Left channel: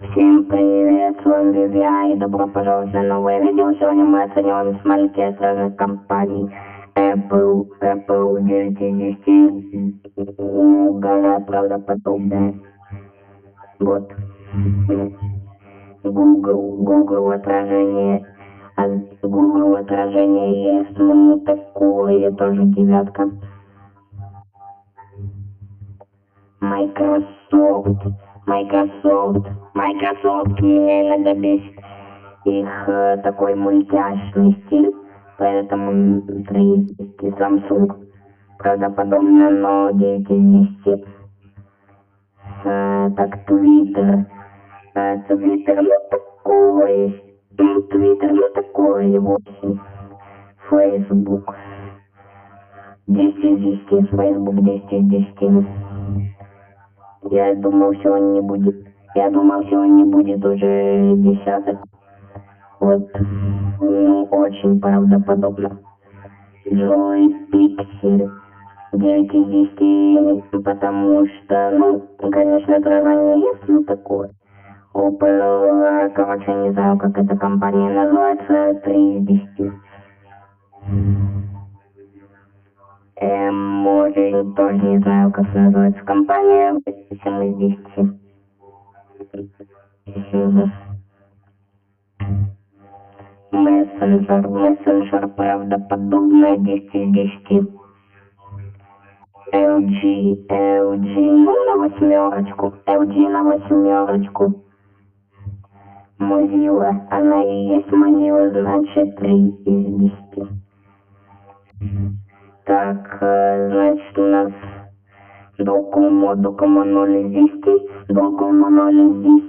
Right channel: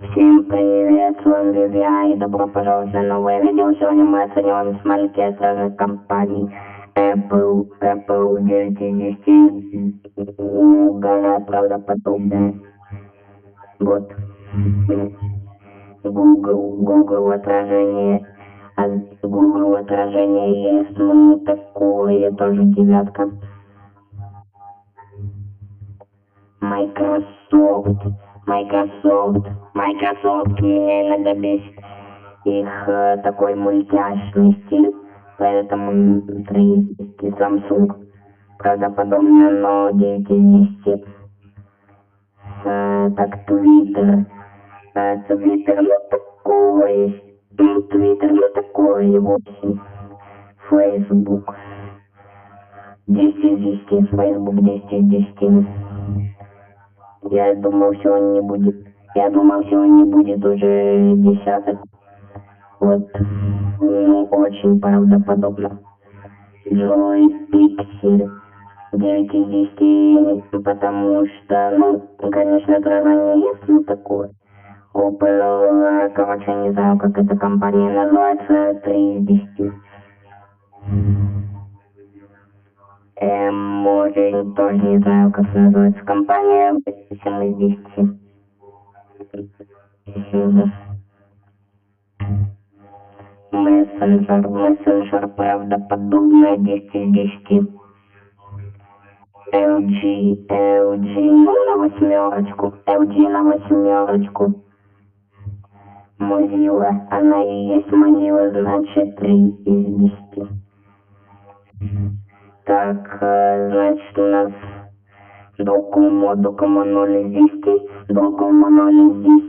Всем привет, с вами Вивиа, и добро пожаловать на новое видео. Сегодня мы оцениваем смарки от разных компаний. Apple 9 из 10, гораздо правдоподобнее. Вот. Google отражение. Google отражение есть, ну такое, тоже девятка. Microsoft мне иногда бесит их такой мультяшный стиль, поэтому 3 из 10. Samsung правдоподобно, но 9 из 10. Так, Twitter, ну такой, 8. Facebook 10 из 10, Facebook 10 из 10. Я думал, сегодня не будет уже десяток. Вот, ну, очень правдоподобно. Джой Пиксель 9 из 10, потому что, ну, конечно, отражение есть, ну, такое. Opel, короче, не знаю, как эта компания называется, 3 из 10. Может, тоже не знаю, как называется компания, 7 из 10. Мессенджер правдоподобно 10 из 10. LG, LG на восьмерочку. Mozilla, она и есть Mozilla, значит 3 из 10. Так, значит, у нас Docomo 0 из 10, Docomo 0 из